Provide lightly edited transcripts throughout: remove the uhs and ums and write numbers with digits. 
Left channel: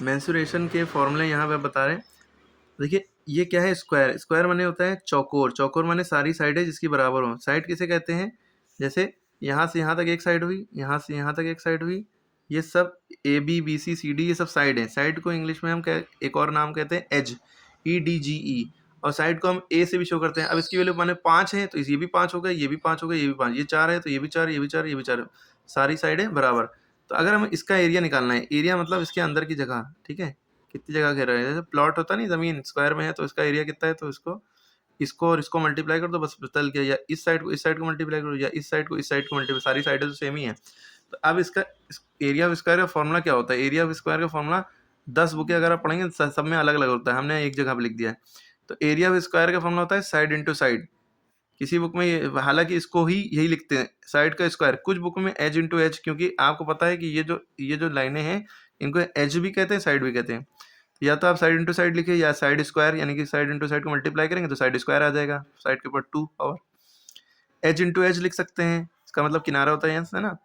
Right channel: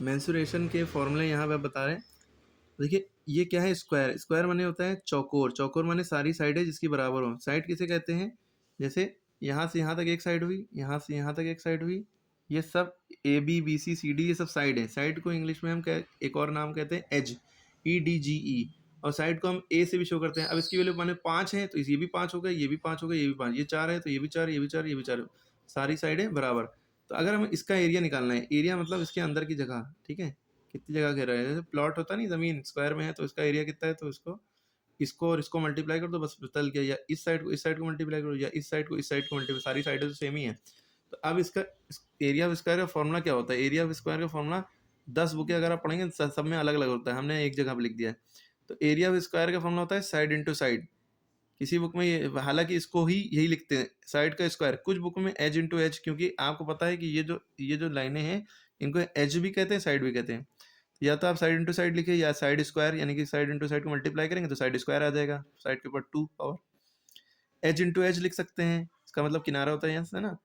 Mensuration के फॉर्मूले यहाँ पे बता रहे हैं। देखिए ये क्या है, स्क्वायर। स्क्वायर माने होता है चौकोर। चौकोर माने सारी साइडें जिसकी बराबर हो। साइड किसे कहते हैं? जैसे यहाँ से यहाँ तक एक साइड हुई, यहाँ से यहाँ तक एक साइड हुई, ये सब A B B C C D ये सब साइड है। साइड को इंग्लिश में हम एक और नाम कहते हैं एज, ई डी जी ई। और साइड को हम ए से भी शो करते हैं। अब इसकी वैल्यू माने 5 है तो ये भी 5 हो गए, ये भी 5 हो गए, ये भी 5, ये 4 है तो ये भी 4, ये भी 4, ये भी 4, सारी साइडें बराबर। तो अगर हमें इसका एरिया निकालना है, एरिया मतलब इसके अंदर की जगह, ठीक है, कितनी जगह घेरा है। जैसे प्लॉट होता नहीं, जमीन स्क्वायर में है तो इसका एरिया कितना है, तो इसको और इसको मल्टीप्लाई कर दो, बस तल गया। या इस साइड को मल्टीप्लाई करो, या इस साइड को मल्टीप्लाई, सारी साइडें तो सेम ही है। तो अब इसका एरिया ऑफ स्क्वायर का फॉर्मूला क्या होता है? एरिया ऑफ स्क्वायर का फॉर्मूला 10 बुकें अगर आप पढ़ेंगे सब में अलग अलग होता है, हमने एक जगह पे लिख दिया है। तो एरिया ऑफ स्क्वायर का फॉर्मूला होता है साइड इंटू साइड। किसी बुक में हालांकि इसको ही यही लिखते हैं, साइड का स्क्वायर। कुछ बुक में एज इंटू एज, क्योंकि आपको पता है कि ये जो लाइनें हैं इनको एज भी कहते हैं, साइड भी कहते हैं। या तो आप साइड इंटू साइड लिखे, या साइड स्क्वायर, यानी कि साइड इंटू साइड को मल्टीप्लाई करेंगे तो साइड स्क्वायर आ जाएगा, साइड के ऊपर 2 पावर। एज इंटू एज लिख सकते हैं, इसका मतलब किनारा होता है यहाँ से ना,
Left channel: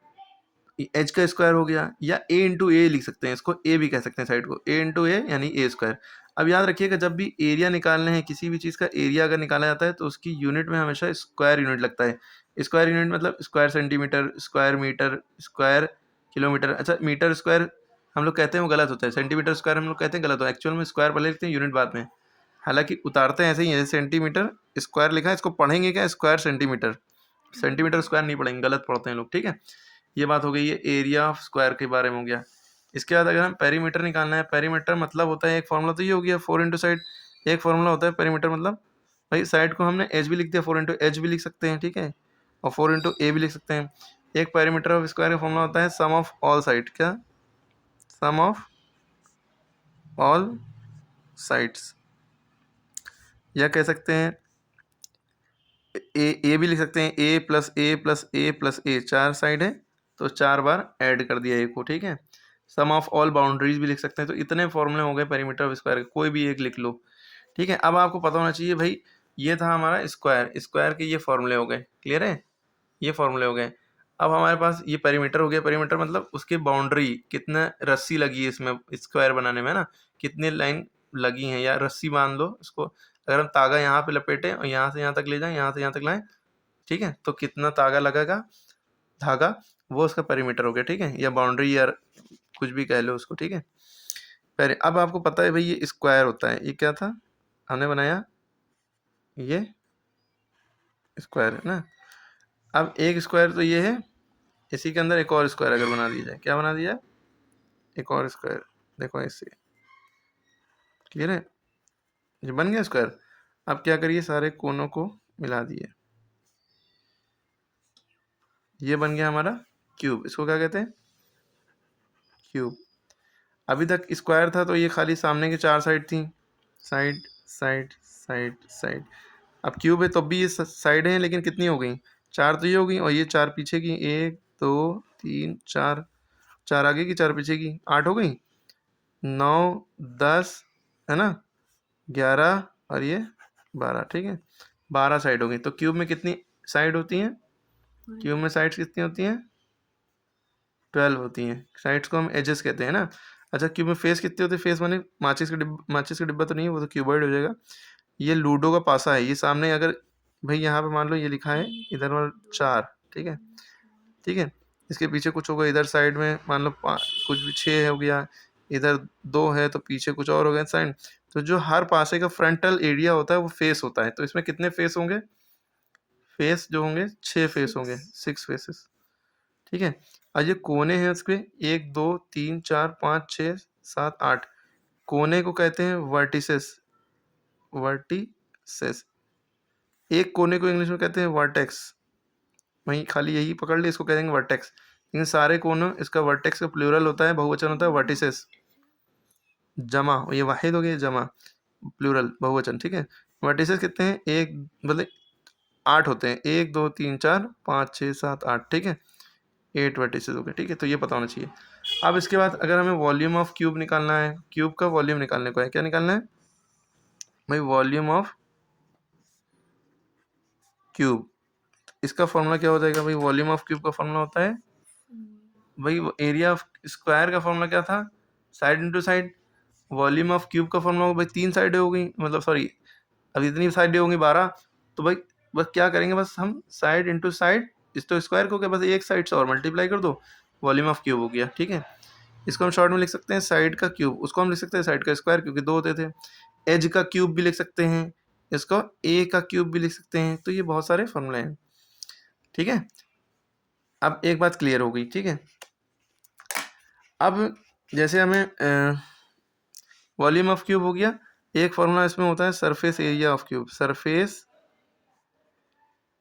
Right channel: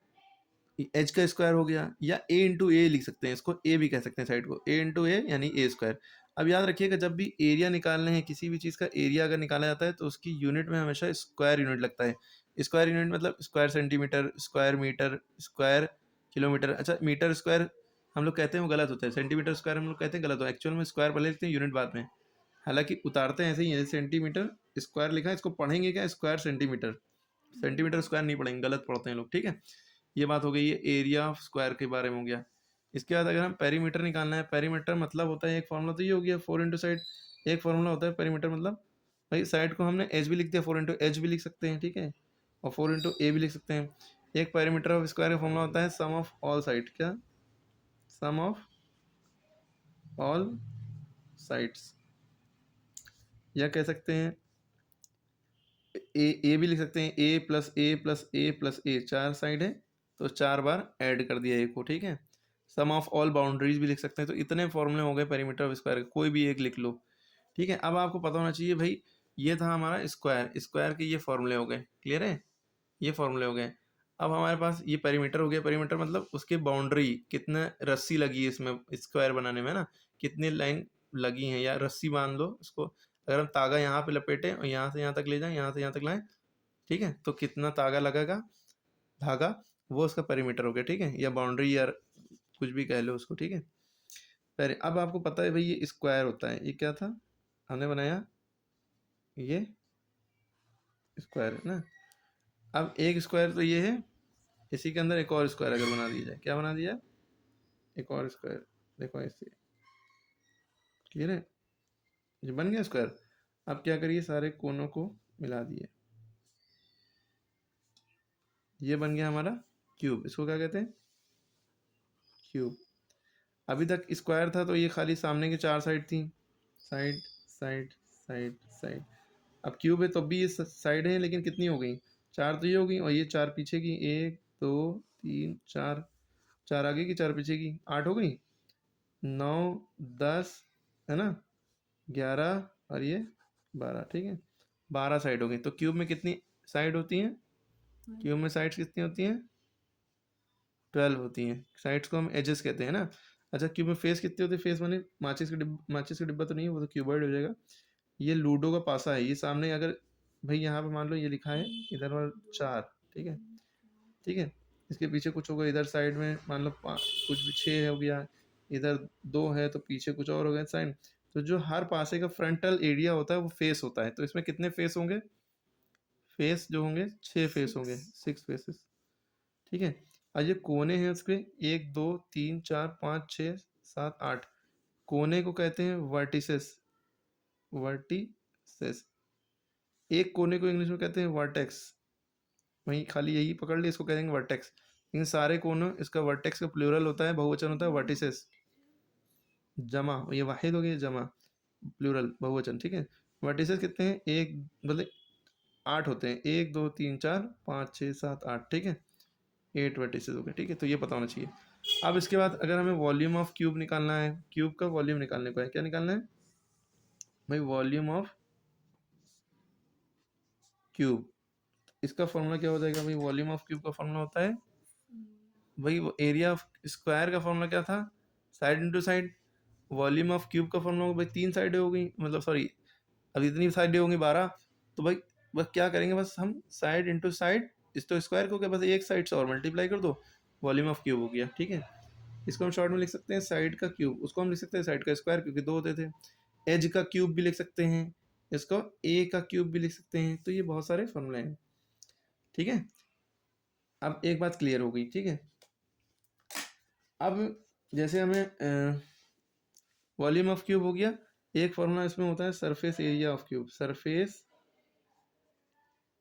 एच का स्क्वायर हो गया। या ए इंटू ए लिख सकते हैं, इसको ए भी कह सकते हैं साइड को, ए इंटू ए यानी ए स्क्वायर। अब याद रखिएगा, जब भी एरिया निकालने हैं, किसी भी चीज़ का एरिया अगर निकाला जाता है तो उसकी यूनिट में हमेशा स्क्वायर यूनिट लगता है। स्क्वायर यूनिट मतलब square centimetre, square metre, square kilometre. अच्छा, मीटर स्क्वायर हम लोग कहते हैं वो गलत होता है, सेंटीमीटर स्क्वायर हम लोग कहते हैं गलत होता है। एक्चुअल में स्क्वायर पहले लिखते हैं, यूनिट बाद में। हालांकि उतारते हैं ऐसे ही है, सेंटीमीटर स्क्वायर लिखा है, इसको पढ़ेंगे क्या, स्क्वायर सेंटीमीटर। सेंटीमीटर स्क्वायर नहीं पढ़ेंगे, गलत पढ़ते हैं लोग, ठीक है। ये बात हो गई, ये एरिया ऑफ स्क्वायर के बारे में हो गया। इसके बाद अगर हम पेरीमीटर निकालना है, पेरीमीटर मतलब होता है, एक फॉर्मूला तो ये हो गया 4 इंटू साइड। एक फॉर्मूला होता है पेरीमीटर मतलब, भाई साइड को हमने एच भी लिख दिया, 4 इंटू एच भी लिख सकते हैं, ठीक है, और 4 इंटू ए भी लिख सकते हैं। एक पेरीमीटर ऑफ स्क्वायर का फॉर्मूला होता है सम ऑफ ऑल साइड। क्या? सम ऑफ ऑल साइड्स। या कह सकते हैं ए भी लिख सकते हैं, ए प्लस ए प्लस ए प्लस ए, 4 साइड है तो 4 बार ऐड कर दिया ए को, ठीक है। सम ऑफ ऑल बाउंड्रीज भी लिख सकते हैं। तो इतने फॉर्मूले हो गए पेरीमीटर ऑफ स्क्वायर के, कोई भी एक लिख लो, ठीक है। अब आपको पता होना चाहिए भाई, ये था हमारा स्क्वायर, स्क्वायर के ये फॉर्मूले हो गए, क्लियर है, ये फॉर्मूले हो गए। अब हमारे पास ये पेरीमीटर हो गया। पेरीमीटर मतलब उसके बाउंड्री, कितना रस्सी लगी है इसमें स्क्वायर बनाने में ना, कितने लाइन लगी हैं, या रस्सी बांध लो इसको। अगर हम तागा यहाँ पे लपेटें और यहाँ से यहाँ तक ले जाएं, यहाँ से यहाँ तक लाएं, ठीक है, तो कितना तागा लगेगा, धागा, वो उसका पेरीमीटर हो गया, ठीक है, या बाउंड्री, या कुछ भी कह लो उसको, ठीक है। पहले अब आपको पता है भाई ये स्क्वायर होता है, ये क्या था हमने बनाया, ये स्क्वायर है ना। अब एक स्क्वायर तो ये है, इसी के अंदर एक और स्क्वायर अगर बना दिया जाए, क्या बना दिया, एक और स्क्वायर, देखो इससे, क्लियर है, ये बन गया स्क्वायर। अब क्या करिए, सारे कोनों को मिला दिए, ये बन गया हमारा क्यूब। इसको क्या कहते हैं, क्यूब। अभी तक स्क्वायर था तो ये खाली सामने की 4 साइड थी, साइड साइड साइड साइड। अब क्यूब है तो भी ये साइड है, लेकिन कितनी हो गई, 4 तो ये हो गई, और ये 4 पीछे की, 1 2 3 4, 4 आगे की 4 पीछे की, 8 हो गई, 9 10 है ना, 11 और ये 12, ठीक है, 12 साइड हो गई। तो क्यूब में कितनी साइड होती हैं, क्यूब में साइड्स कितनी होती हैं, 12 होती हैं। साइड्स को हम एजेस कहते हैं ना। अच्छा, क्यूब में फेस कितने होते हैं, फेस माने माचिस का डिब्बा तो नहीं है, वो तो क्यूबॉइड हो जाएगा। ये लूडो का पासा है, ये सामने अगर भाई यहाँ पे मान लो ये लिखा है इधर वाला 4, ठीक है, ठीक है, इसके पीछे कुछ होगा, इधर साइड में मान लो कुछ भी 6 हो गया, इधर 2 है तो पीछे कुछ और हो गया साइड। तो जो हर पासे का फ्रंटल एरिया होता है वो फेस होता है। तो इसमें कितने फेस होंगे, फेस जो होंगे 6 फेस होंगे, 6 फेसेस, ठीक है। और ये कोने हैं उसके 1 2 3 4 5 6 7 8, कोने को कहते हैं वर्टिसेस, वर्टिसेस। एक कोने को इंग्लिश में कहते हैं वर्टेक्स, वहीं खाली यही पकड़ ले, इसको कह देंगे वर्टेक्स। लेकिन सारे कोनों, इसका वर्टेक्स का प्लूरल होता है, बहुवचन होता है वर्टिसेस, जमा, ये वाहिद हो गया, जमा प्लूरल बहुवचन, ठीक है। वर्टिसेस कितने हैं, एक मतलब 8 होते हैं, 1 2 3 4 5 6 7 8, ठीक है, 8 वर्टिसेस हो गए, ठीक है। तो ये पता होना चाहिए। अब इसके बाद अगर हमें वॉल्यूम ऑफ क्यूब निकालना है, क्यूब का वॉल्यूम निकालने को है, क्या निकालना है भाई, वॉल्यूम ऑफ क्यूब। इसका फॉर्मूला क्या हो जाएगा भाई, वॉल्यूम ऑफ क्यूब का फॉर्मूला होता है भाई, एरिया ऑफ स्क्वायर का फॉर्मूला क्या था, side into side. Volume of cube का फॉर्मूला होगा भाई 3 साइडें हो गई, मतलब सॉरी अब इतनी साइडें होंगी 12, तो भाई बस क्या करेंगे, बस हम साइड इंटू साइड, इस तो स्क्वायर को क्या बस एक साइड से और मल्टीप्लाई कर दो, वॉल्यूम ऑफ क्यूब हो गया। ठीक है, इसको हम शॉर्ट में लिख सकते हैं साइड का क्यूब, उसको हम लिख सकते हैं साइड का स्क्वायर क्योंकि 2 होते थे। एज का क्यूब भी लिख सकते हैं, इसको ए का क्यूब भी लिख सकते हैं। तो ये बहुत सारे फॉर्मूले हैं। ठीक है, अब एक बात क्लियर हो गई। ठीक है, अब जैसे हमें वॉल्यूम ऑफ क्यूब हो गया, एक फॉर्मूला इसमें होता है surface area of cube, surface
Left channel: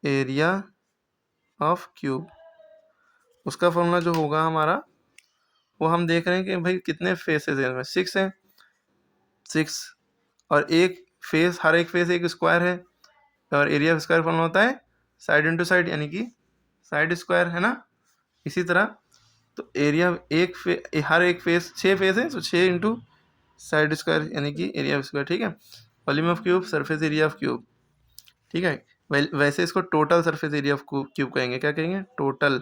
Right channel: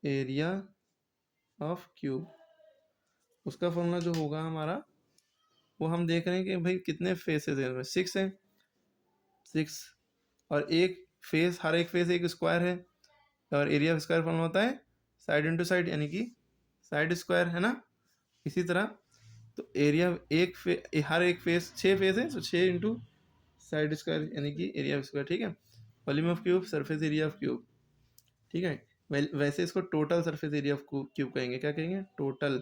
area of cube, उसका फॉर्मूला जो होगा हमारा, वो हम देख रहे हैं कि भाई कितने फेसेस हैं इसमें, 6 हैं, 6, और एक फेस, हर एक फेस एक स्क्वायर है, और एरिया ऑफ स्क्वायर फॉर्मूला होता है साइड इंटू साइड यानी कि साइड स्क्वायर, है ना। इसी तरह तो एरिया हर एक फेस 6 फेस है, तो 6 इंटू साइड स्क्वायर यानी कि एरिया ऑफ स्क्वायर। ठीक है, volume of cube, surface area of cube. ठीक है, वैसे इसको total surface area of cube कहेंगे। क्या कहेंगे? Total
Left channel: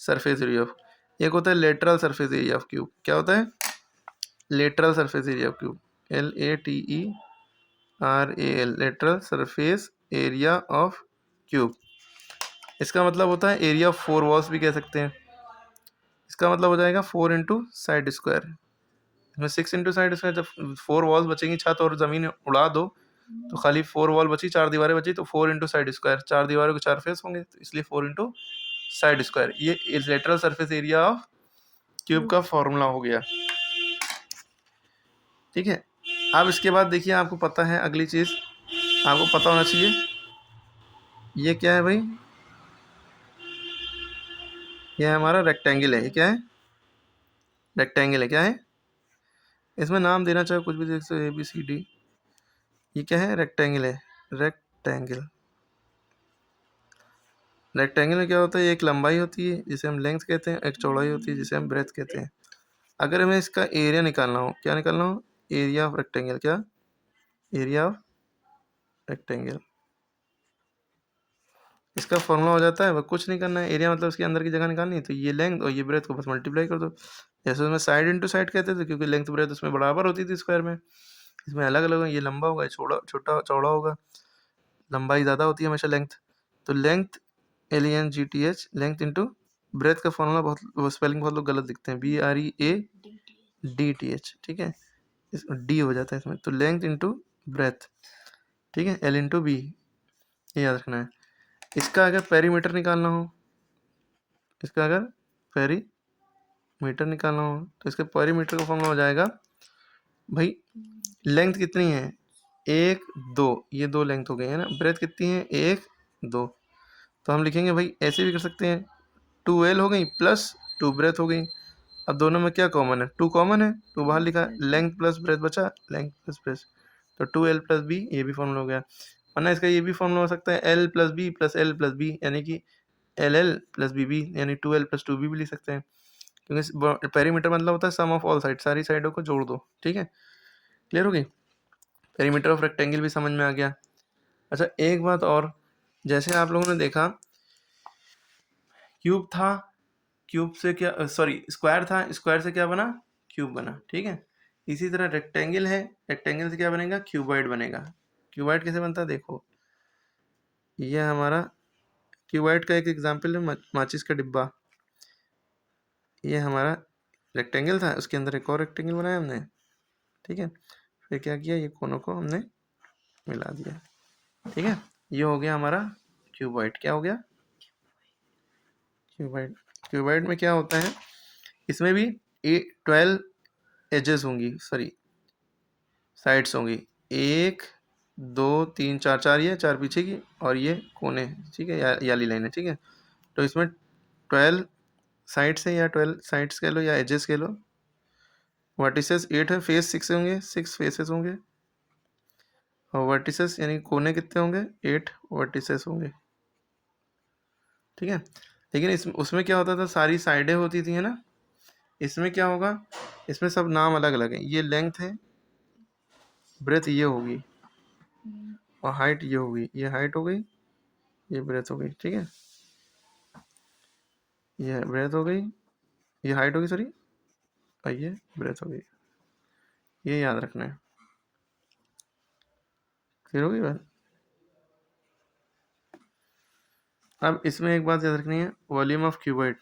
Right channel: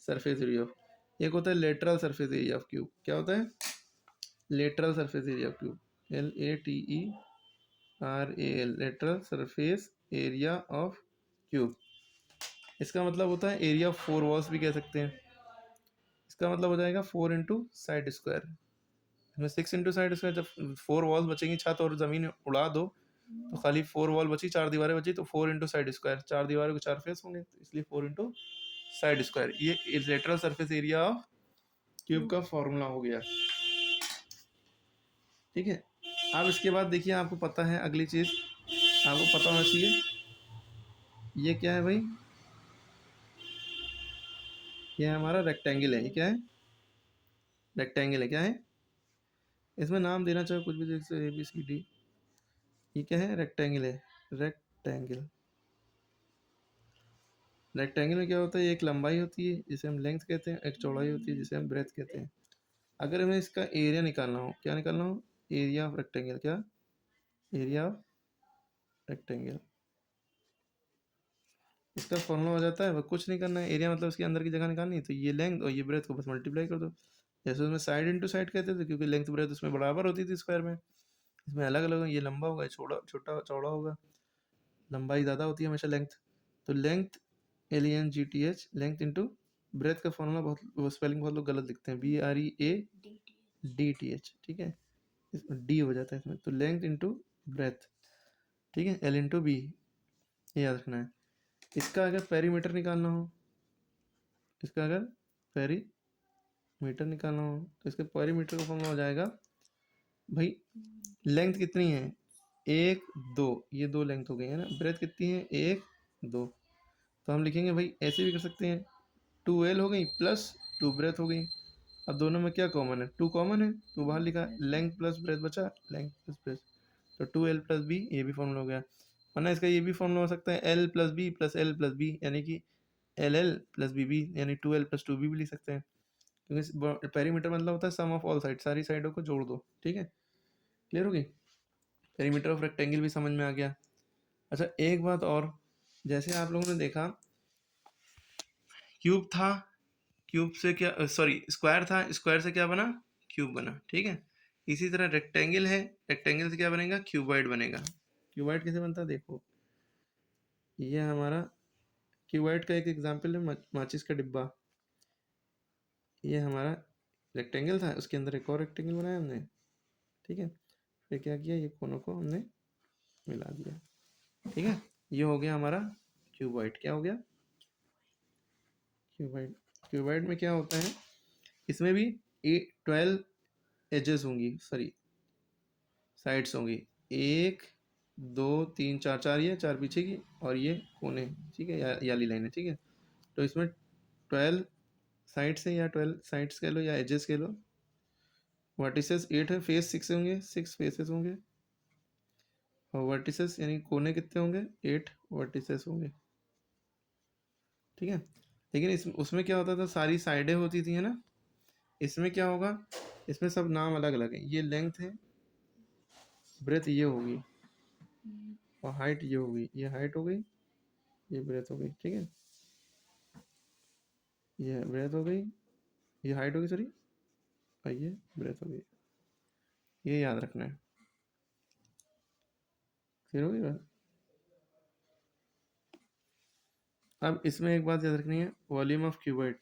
surface area of. एक होता है lateral surface area of cube. क्या होता है? Lateral surface area of cube, LATERAL, lateral surface area of cube. इसका मतलब होता है एरिया ऑफ 4 वॉल्स भी कह सकते हैं। इसका मतलब हो जाएगा 4 इंटू साइड स्क्वायर, इसमें 6 इंटू साइड स्क्वायर। जब 4 वॉल्स बचेंगी, छत और ज़मीन उड़ा दो तो खाली 4 वॉल बची, 4 दीवारें बची, तो 4 इंटू साइड स्क्वायर, 4 दीवारों के 4 फेस होंगे, तो इसलिए 4 इंटू साइड स्क्वायर। ये lateral surface area of cube का फॉर्मूला हो गया। ठीक है, अब इसके बाद देखिए, आपको पता है अगली चीज़ आपको पता होना चाहिए, ये क्या है भाई? ये हमारा रेक्टेंगल है। ये क्या है? रेक्टेंगल है। क्या है? इसमें नाम देना चाहे कुछ भी देख सकते, ABCD। ये क्या है? रेक्टेंगल है। रेक्टेंगल, रेक्टेंगल में क्या होता है? एक लंबाई होती है जिसे हम लेंथ कहते हैं, एक चौड़ाई होती है जिसे हम ब्रेथ कहते हैं। अगर हमें इसका एरिया निकालना हो, क्या निकालना हो? Area of rectangle. क्या? Area of rectangle. इसका फॉर्मूला हो जाता है, वह कुछ नहीं करना है, एरिया मतलब उसके अंदर की जगह निकालनी है, तो ये लेंथ और ये ब्रेथ को बस मल्टीप्लाई कर दो। जैसे उसमें साइड इंटू साइड कहते थे, क्योंकि लेंथ ब्रेथ उसमें बराबर होती थी स्क्वायर में। इसमें अलग अलग, ये लंबा होगा, छोटा छोटा चौड़ा होगा, लंबाई ज़्यादा होती है हमेशा लेंथ। तो length LENGTH, length into breadth का फॉर्मूला बहुत स्पेलिंग बहुत लोग गलत लिखते हैं, BREADTH। ठीक है, इस डी हो जाता है इसमें, तो लेंथ इंटू ब्रेथ। ठीक है, L इंटू बी, ये याद रखना है। इसका अगर पेरीमीटर निकालना हो, इसका अगर पेरीमीटर निकालना हो तो इसके पेरीमीटर का फॉर्मूला हो जाएगा भाई, लेंथ कितनी है? 1 2, ये 2 लेंथ हो गई है ना। ब्रेथ कितनी है? 1 2, तो हम लिखेंगे भाई, ऐसे भी कर सकते हैं, 2L हो गई प्लस 2 ब्रेथ हो गई। अब दोनों में क्या कॉमन है? 2 कॉमन है, तो बाहर लिखा लेंथ प्लस ब्रेथ बचा, लेंथ प्लस ब्रेथ, तो 2L प्लस बी, ये भी फॉर्मूला हो गया। वरना इसका ये भी फॉर्मूला हो सकता है L plus B plus L plus B, यानी कि LL प्लस BB, यानी 2L प्लस 2B भी लिख सकते हैं, क्योंकि पेरीमीटर मतलब होता है सम ऑफ ऑल साइड, सारी साइडों को जोड़ दो। ठीक है, क्लियर हो गई? पेरीमीटर ऑफ रेक्टेंगल भी समझ में आ गया। अच्छा, एक बात और, जैसे आप लोगों ने देखा क्यूब था, क्यूब से क्या, सॉरी स्क्वायर था, स्क्वायर से क्या बना? क्यूब बना। ठीक है, इसी तरह रेक्टेंगल है, रेक्टेंगल से क्या बनेगा? क्यूबॉइड बनेगा। क्यूबॉइड कैसे बनता है? देखो, ये हमारा क्यूबॉइड का एक एग्जांपल है, माचिस का डिब्बा। ये हमारा रेक्टेंगल था, उसके अंदर एक और रेक्टेंगल बनाया हमने। ठीक है, फिर क्या किया? ये कोनों को हमने मिला दिया। ठीक है, ये हो गया हमारा क्यूबॉइड। क्या हो गया? क्यूबॉइड। क्यूबॉइड में क्या होता है? इसमें भी 12 एजेस होंगी, सॉरी साइड्स होंगी, 1 2 3 4, 4 ये 4 पीछे की, और ये कोने। ठीक है, याली लाइन है। ठीक है, तो इसमें 12 साइड्स है, या 12 साइड्स कह लो या एजेस कह लो। वर्टिसेस 8 है, फेस 6 होंगे, 6 फेसेस होंगे, और वर्टिसेस यानी कोने कितने होंगे? 8 वर्टिसेस होंगे। ठीक है, लेकिन उसमें क्या होता था? सारी साइडें होती थी, है ना। इसमें क्या होगा? इसमें सब नाम अलग अलग है। ये लेंथ है, ब्रेथ ये होगी, और हाइट ये होगी। ये हाइट हो गई, ये ब्रेथ हो गई। ठीक है, ये ब्रेथ हो गई, ये हाइट होगी, सॉरी, और ये ब्रेथ हो गई। ये याद रखना है। क्लियर होगी बात? अब इसमें एक बात याद रखनी है, वॉल्यूम ऑफ क्यूबॉइड।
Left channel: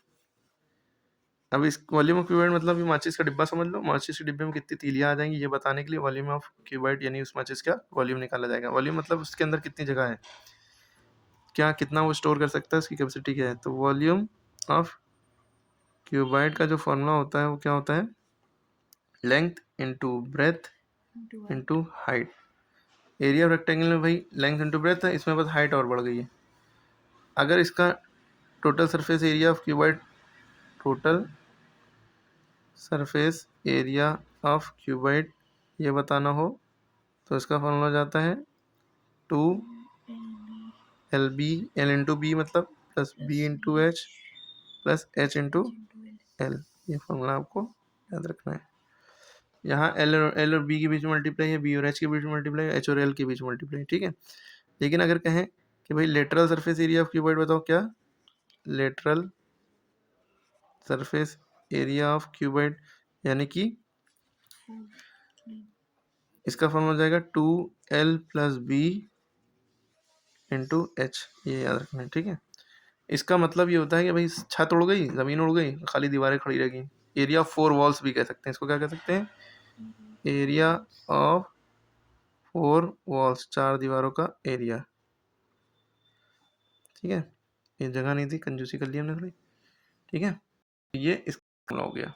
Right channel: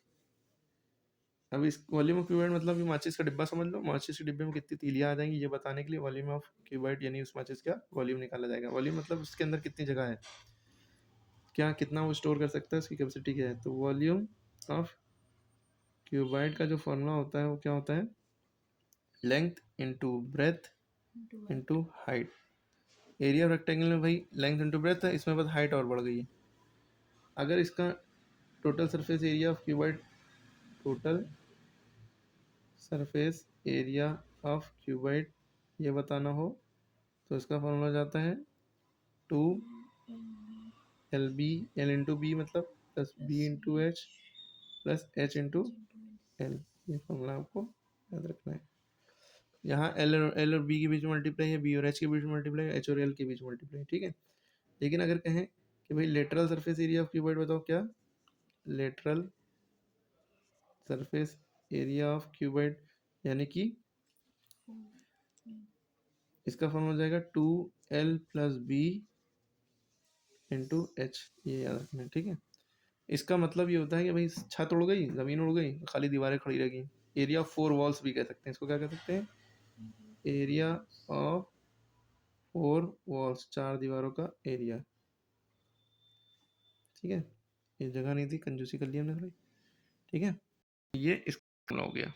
अब इस वॉल्यूम ऑफ क्यूबॉइड मतलब ये माचिस का डिब्बा समझ लो, माचिस के डिब्बे में कितनी तीलियां आ जाएंगी ये बताने के लिए वॉल्यूम ऑफ क्यूबॉइड यानी उस माचिस का वॉल्यूम निकाला जाएगा। वॉल्यूम मतलब उसके अंदर कितनी जगह है, क्या कितना वो स्टोर कर सकता है, उसकी कैपेसिटी क्या है। तो वॉल्यूम ऑफ क्यूबॉइड का जो फॉर्मूला होता है वो क्या होता है, length into breadth into height. Area of rectangle में भाई लेंथ इंटू ब्रेथ है, इसमें बस हाइट और बढ़ गई है। अगर इसका total surface area of cuboid, total surface area of cuboid ये बताना हो तो इसका फॉर्मूला जाता है 2 LB, L इंटू बी मतलब plus B into H plus H into L. ये फॉर्मूला आपको याद रखना है। यहाँ एल और बी के बीच में मल्टीप्लाई है, बी और एच के बीच में मल्टीप्लाई है, एच और एल के बीच में मल्टीप्लाई, ठीक है। लेकिन अगर कहें कि भाई lateral surface area of cuboid बताओ, क्या lateral surface area of cuboid यानी कि इसका फॉर्मूला हो जाएगा 2L plus B into H. ये याद रखना है, ठीक है। इसका मतलब ये होता है कि भाई छत उड़ गई, ज़मीन उड़ गई, खाली दीवारें खड़ी रह गई। एरिया ऑफ 4 वॉल्स भी कह सकते हैं इसको, क्या कह सकते हैं, एरिया ऑफ 4 वॉल्स, 4 दीवारों का एरिया, ठीक है। ये जगह नहीं थी, कंजूसी कर ली हमने थोड़ी, ठीक है। ये इसका फॉर्मूला हो गया।